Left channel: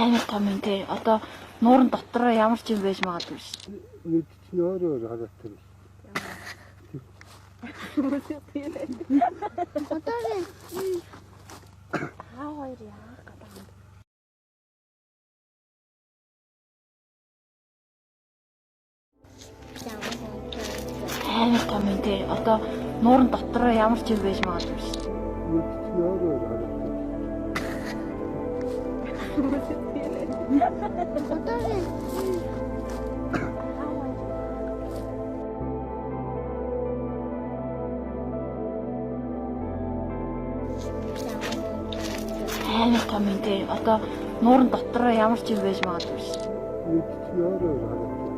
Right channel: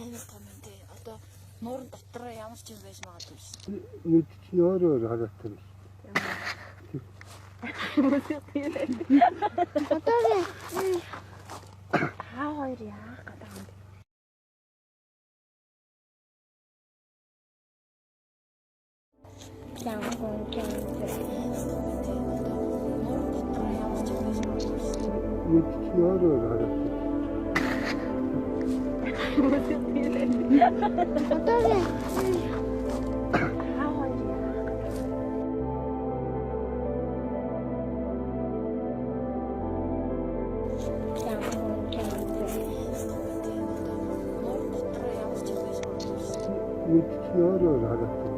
Амар том юм тий. Одоо нуурын дотроо ямар ч юм байж магадгүй шүү дээ. Нүд чинь өөр хараатай. Одоо Хаа хоёр яах гэдэг юм. Амар том юм тий. Одоо нуурын дотроо ямар ч юм байж магадгүй шүү дээ. Нүд чинь өөр хараатай. Амар том юм тий. Одоо нуурын дотроо ямар ч юм байж магадгүй шүү дээ. Нүд чинь өөр хараатай.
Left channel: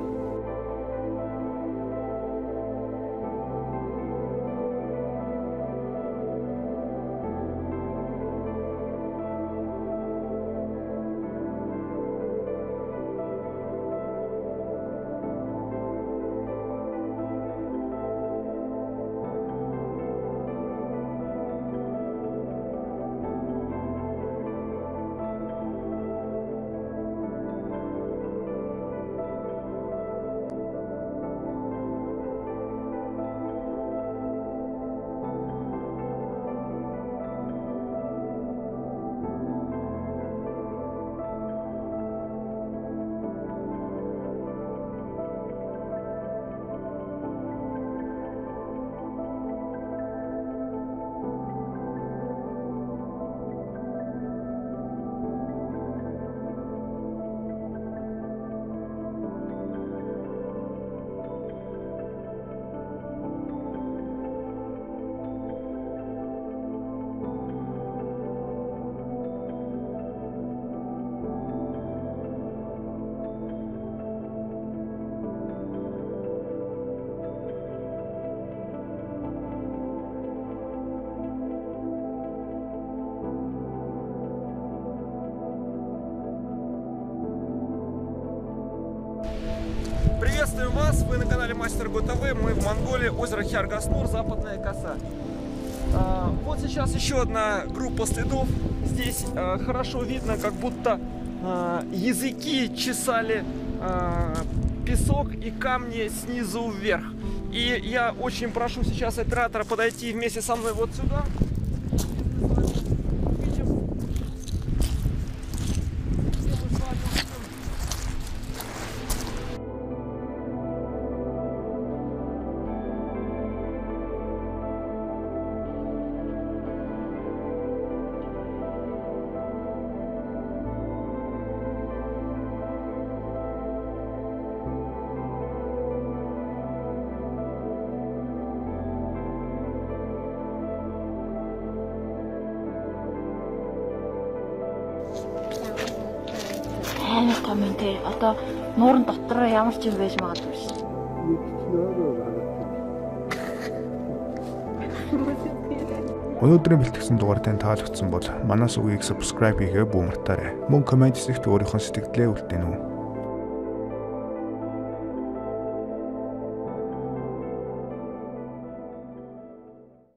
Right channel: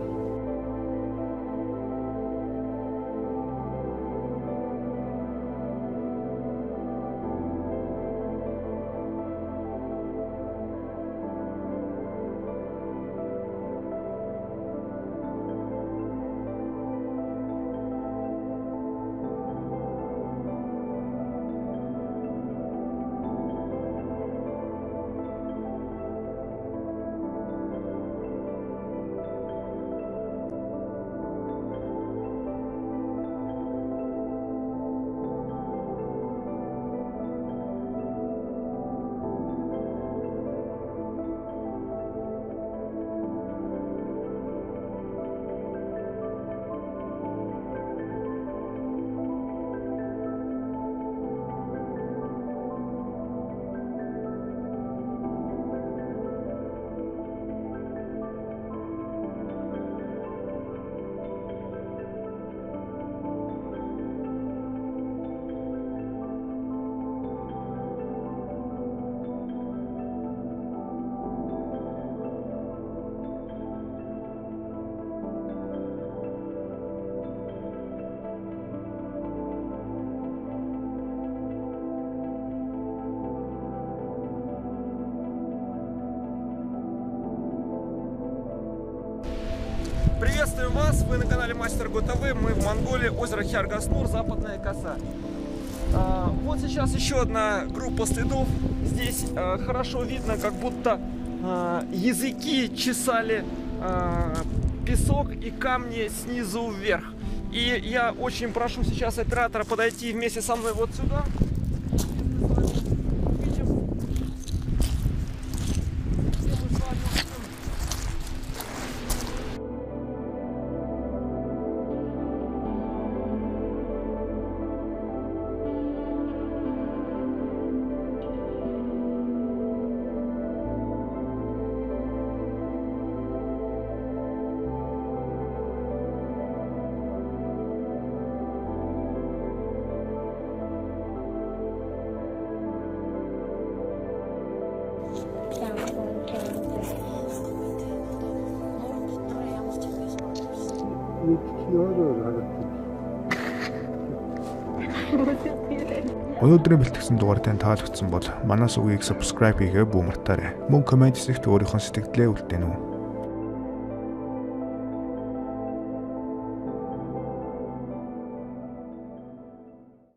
Приветствую вас, вы на канале Мастер ГУ-ТВ, мы в Монголии, озеро Хяргаснур, Западная коса. Вот сейчас еще одна группа следов, здесь хорошо видно, как будто языки чесали песок и камни снизу вверх. И я очень прошу сейчас оператора подойти вместе со мной вот сюда. Амар том юм те. Одоо нуурын дотроо ямар ч юм байж магадгүй шин. мэдчихний өөрөө харагддаг. Өнөөдрийн бэлтгэсэн дугаар тань таалагдсан бол манаас үгийг subscribe хийгээ бүү мартаарай. Мөн комент хэсэгт өөрийнхөө сэтгэлдээ үлдээнэ үү.